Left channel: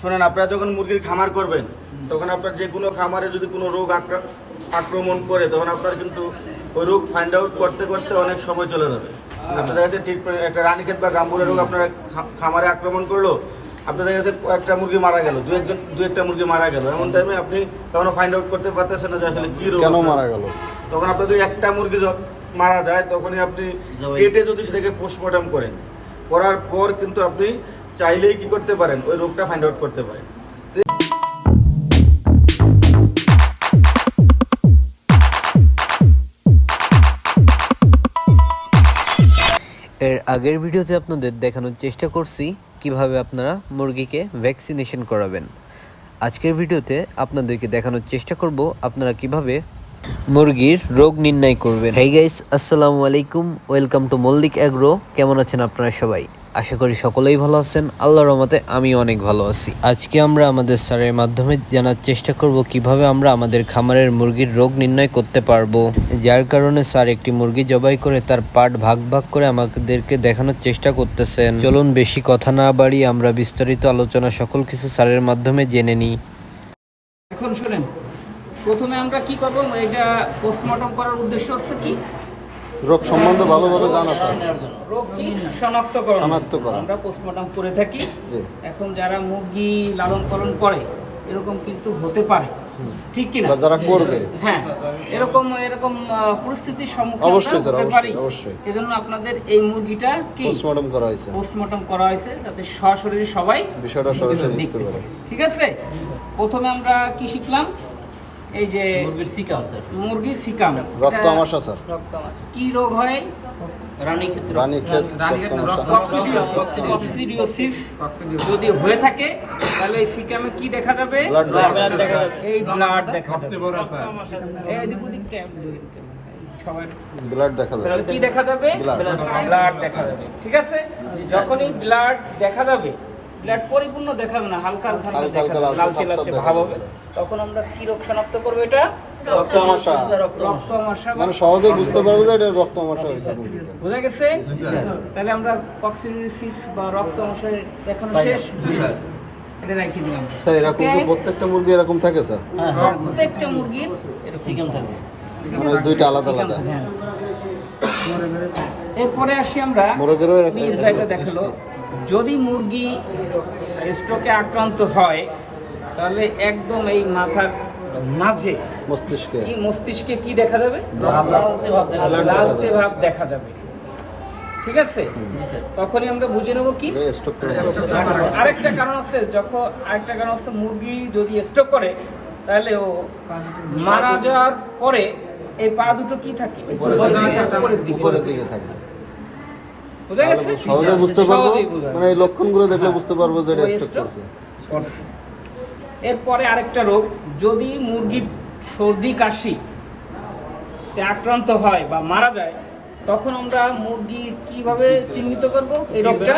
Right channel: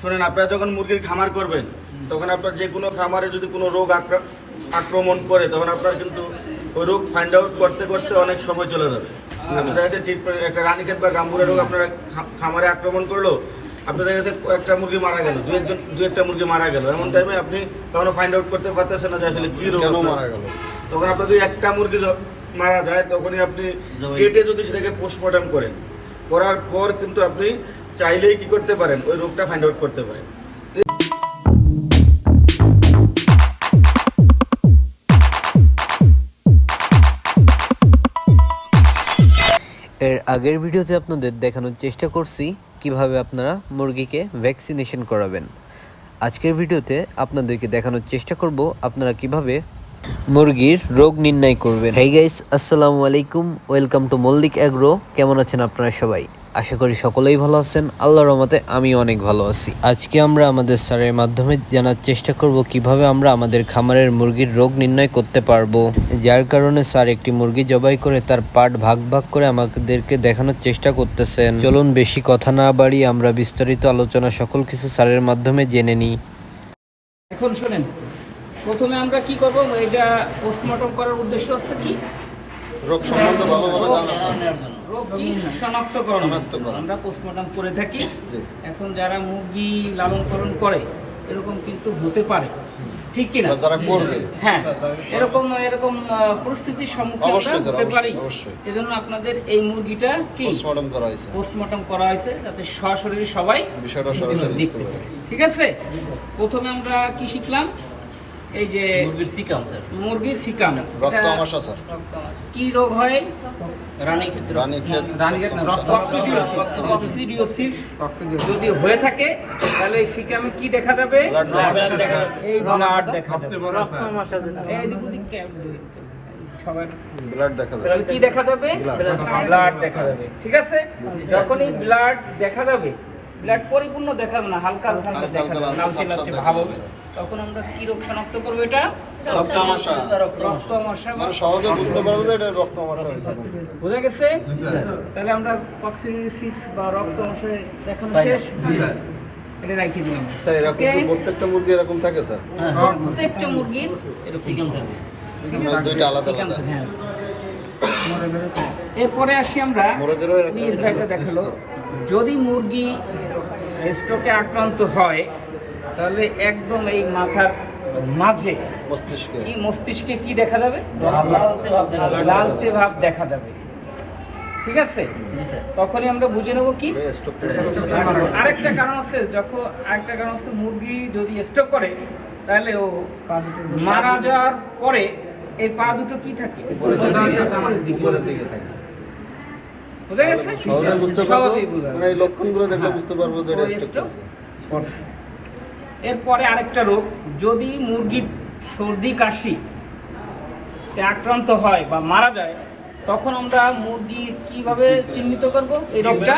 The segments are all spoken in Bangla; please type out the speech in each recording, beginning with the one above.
শোনেন, আপনারা যখন মুরগির খামার করবেন তখন আপনার যে কোনো খামারে যদি কোনো রোগ আক্রমণ করে তখন আপনার কিন্তু ওই রোগ ফাইন্ড আউট করতে করতে অনেক সময় চলে যাবে। আপনাদের কাছে ঠিক একটা রানীক্ষেত বা গাম্বুরের রোগ আপনার খামারে আক্রমণ করলো, আপনাদের কাছে একটা মুরগি মারা গেল, দু একটা মুরগি মারা গেল, এমন টাইমে আপনি তখন ফাইন্ড আউট করতে পারতেছেন না যে আসলে কি রোগ মারা গেল। তখন আপনার যদি একটা মুরগি মারা যায় তখনই আপনি কেটে যদি সেটাকে পোস্টমর্টম করেন, করার পর কিন্তু আপনি চাইলেই কি করতে পারেন, ওই রোগটা ফাইন্ড আউট করতে পারেন। এর আগের ভিডিওতে আপনাদের দেখানোর চেষ্টা করছি কিভাবে আপনারা মুরগিকে ভ্যাকসিনেশন করাবেন। আজকের ভিডিওতে আপনাদেরকে দেখানোর চেষ্টা করব আপনারা কিভাবে মুরগির রোগ নির্ণয় করবেন। হেই গাইস, আসসালামু আলাইকুম, ওয়েলকাম টু মল্লিক অ্যাগ্রো। কেমন আছেন আপনারা সবাই? আশা করি সকলেই ভালো আছেন। আল্লাহর রহমতে আমি অনেক ভালো আছি। আজকে আমরা আমাদের স্যারের মাধ্যমে জানার চেষ্টা করব কিভাবে আমরা আমাদের খামারের মুরগির রোগ নির্ণয় করতে পারবো, যার কারণে স্যার একটি মুরগি জবাই করে তার পার্ট ভাগ ভাগ করে আমাদেরকে দেখানোর চেষ্টা করতেছেন। চলুন বেশি কথা না বাড়িয়ে আমরা বিস্তারিত আলোচনা সকল কিছু স্যারের মাধ্যমে জেনে নিই। এখন শুনেন, প্রথমে আমরা কি করব, এটা পোস্টমর্টম করার উদ্দেশ্য হচ্ছে কি, রোগ সম্বন্ধে ভালোভাবে রোগ কি শনাক্তকরণ আমরা পোস্টমর্টম করে থাকি। এখন যারা মুরগি লালন পালন করে এরকম কিন্তু হতে পারে, ঠিক কি না? যারা করবে, হ্যাঁ, এরকম পরিস্থিতির সম্মুখীন হতে পারি। এজন্য আপনাদের এই মুরগিটা কি পোস্টমর্টম করা হয়েছে যাতে সরাসরি সবাই বিষয়টা সরাসরি দেখতে পারে। ঠিক আছে, প্রথমে আমরা কি শিখলাম, এই যে মুরগির সিকাম, রক্ত আমাশা স্যার, কি রোগ হয়? কক্সিডিওসিস যদি হয়ে থাকে তাহলে এই সিকামে কি দেখা যাবে? এই ব্লাড দেখা যাবে। কি দেখা যাবে? ব্লাড দেখা যাবে। ঠিক আছে, যখনই ব্লাড দেখা যাবে, ব্লাড পরিপূর্ণ দেখাবে না, হালকা লালচে লালচে ভাব হবে, তখন আমরা কি রোগ শনাক্ত করবো? এটা রক্ত আমাশা। মানে সহজে বুঝতে পারবো যে এটা রক্ত আমাশা। বুঝা গেছে? তাহলে আমরা কক্সিডিওসিস বা রক্ত আমাশা দেখানো শেষ। এটা রাখি দিলাম স্যার। এরকম কি প্রত্যেকটা মুরগি এরকম থাকে স্যার? প্রত্যেকটা মুরগির এরকম সিকাম থাকে, দুইটা আলাদা আলাদা। এরপরে আসি আমরা নির্ভয়টা দেখালো, যদি মুরগি স্ট্রোকে আক্রান্ত হয় তাহলে একদম এই মাথার মাঝে মস্তিষ্কে কি দেখা যাবে? লালচে ভাব দেখা যাবে। ঠিক আছে, তখনই আমরা বুঝে নেবো কি আরেকটা কারণ আছে। আরেকটা কারণ আছে, মুরগি যদি স্ট্রোক করে তাহলে ও মারা যাওয়ার পরে এই পা দুটো কি থাকে? উপরের দিকে থাকে। বুঝা গেছে? সহজেই বোঝা যায়, এই লক্ষণগুলো দেখলে বুঝতে পারবো যে এটা স্ট্রোক করছে। এরপরে আরেকটা রোগ, যদি মুরগির সর্দি কাশি আক্রান্ত হয় বা মারা যায় তখন আমরা মুরগি কিভাবে চিহ্নিত করব? এই রোগটা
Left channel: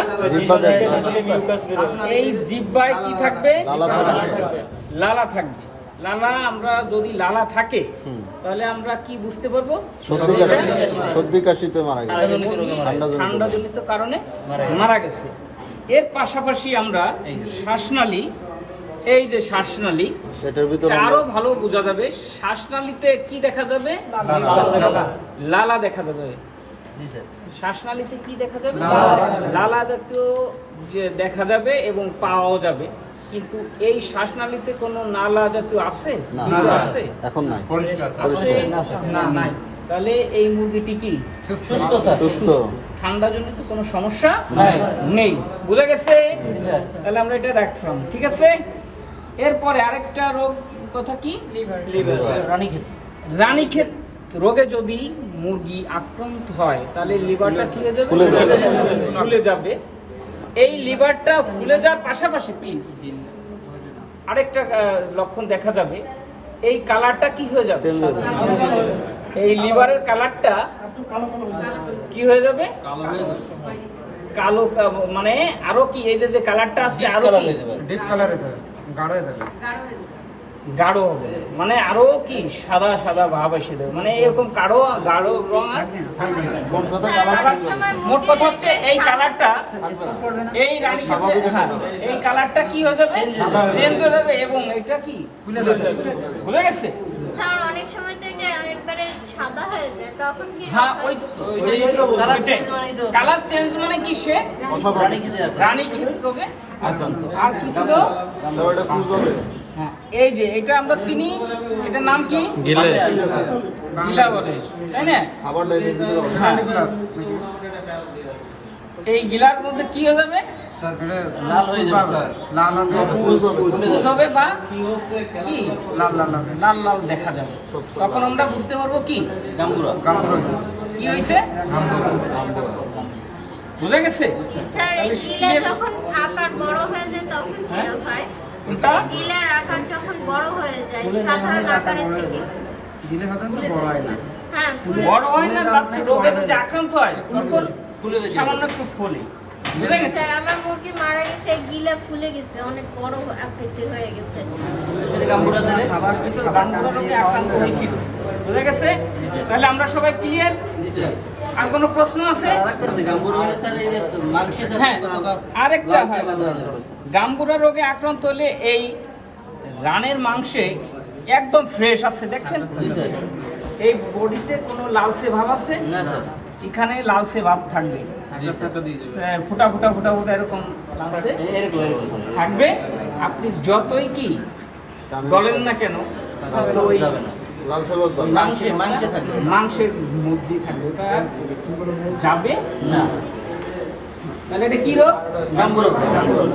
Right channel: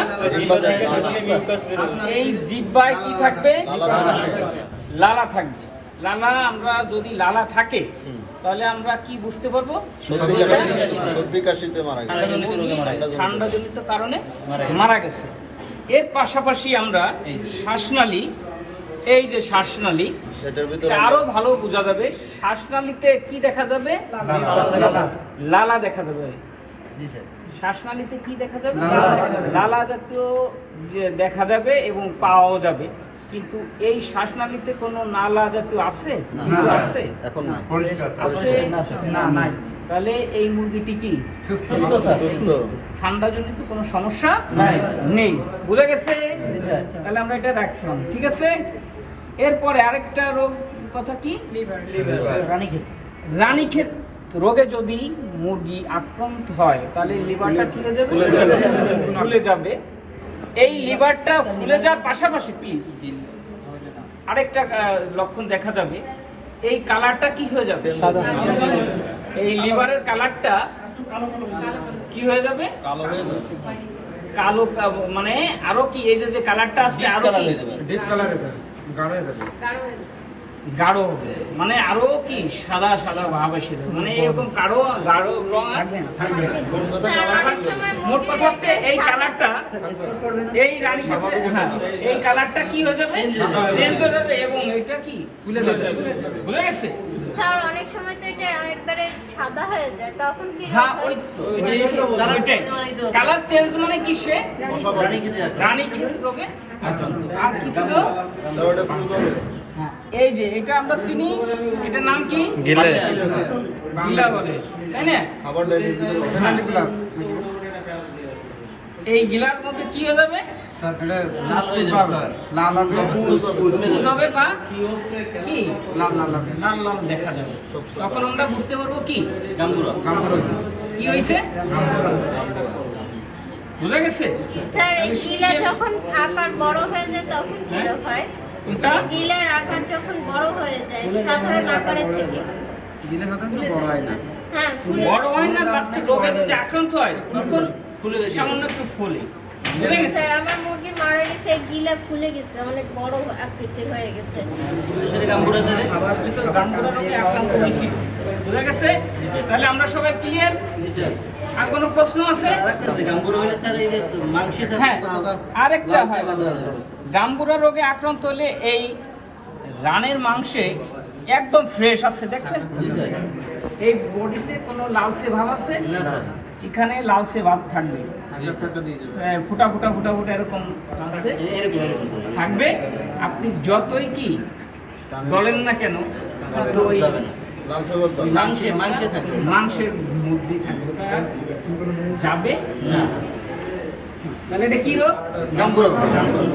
এই জিহ্বায় কি থাকবে? লালা থাকবে। লালা, আমরা যদি লালা থাকে তাহলে আমরা কি বুঝতে পারবো? ঠান্ডাজনিত কারণে মারা গেছে। এর পাশাপাশি আমরা শ্বাসনালী, এই যে শ্বাসনালী, আরো ভালো বোঝা যাবে। শ্বাসনালীতে কি দেখা যাবে? লালা দেখা যাবে। শ্বাসনালীতে কি দেখা যাবে? লালা জাতীয় যে দেখা যাবে এবং পাওয়া যাবে। কিন্তু এই শ্বাসনালীতে কোনো নালা জাতীয় আছে? আছে? নাই। তাহলে এই মুরগিটি কি সুস্থ? ঠান্ডাজনিত কোনো সমস্যা নেই। বুঝা গেছে? তাহলে আমরা এটা রাখলাম। ঠিক আছে, এরপরে আরেকটা রোগ কথা কি, রানীক্ষেত রোগে যদি মুরগি আক্রান্ত হয় তাহলে লিভারটা কি হয়ে যাবে? ফুলে যাবে। এই লিভারটা ফুলে যাওয়ার পাশাপাশি প্লিজ আরেকটা লক্ষণ দেখা যাবে, এই কালারটা কি হয়ে যাবে? এই লিভারের কালারটা কি হয়ে যাবে? কালো, মানে আরো কি এই যে কালারটা আছে আরো কি ডিপ কালার হয়ে যাবে, গাঢ় হয়ে যাবে। গাঢ় হবে, মানে আরো কি সাদা সাদা ভাব এসে যাবে, মানে এরকম গাঢ় রং থাকবে না। মোট কথা হচ্ছে এই কালারটা, এই রানী হ্যাঁ এই কালারটা কি হয়ে যাবে, চেঞ্জ হয়ে যাবে এবং এটা কি খুলে যাবে, বুঝে গেছে? স্যার অনেক সময় তো এটা একবারে সাদা হয়ে যায়, তখন কি হ্যাঁ ওই কালার চেঞ্জ মানে কি, সে রানী ক্ষেত রোগে আর কি ছিল? হ্যাঁ এই যে এটা আমরা চিনি, এটার নাম কি? গিলে গিলা বলে, তাই না? হ্যাঁ। এই গিলার মধ্যে কি হয়ে যাবে, পুষ হবে বা কি লাল লাল দেখা যাবে, তখন আমরা বুঝতে পারবো কি কি হয়েছে, বুঝে গেছে? স্যার এই গিলা যখন আকার বড় হয়ে যায় তখন কি হয়? কোনটা? গিলার আকার যখন বড় হয়ে যায় সাধারণ আকারের থেকে, হ্যাঁ ফুলে বড় হয় না, জাস্ট রোগে যদি আক্রান্ত হয় তখন সামান্য একটু ফলে, বুঝে গেছে? স্যার আমার মুরগি মারা গেছে, গিলা ফুলে গেছে, অনেক বড় আকৃতির হয়ে গেছে। আবার কিন্তু গাম্বুরা রোগে আক্রান্ত হয়েছিল, বুঝে গেছে? তাহলে আমরা সবাই ক্লিয়ার? আর কোনো প্রশ্ন আছে? হ্যাঁ আরেকটা হয়, গাম্বুরা রোগে আক্রান্ত হলে এই রানের মাংসে একদম ফ্রেশ আছে, দেখছেন? এই বডিতে কোনো লালচে ভাব আছে? এখানে লালচে ভাব থাকবে, ফুটা ফুটা ফুটা ফুটা এরকম লালচে থাকবে। আপনি যতই কি বলেন না কেন, তো ওই মাংসের মধ্যে থাকবে, ওটা আর যাবে না। তাহলে এটা কি রোগ? গাম্বুরা রোগ।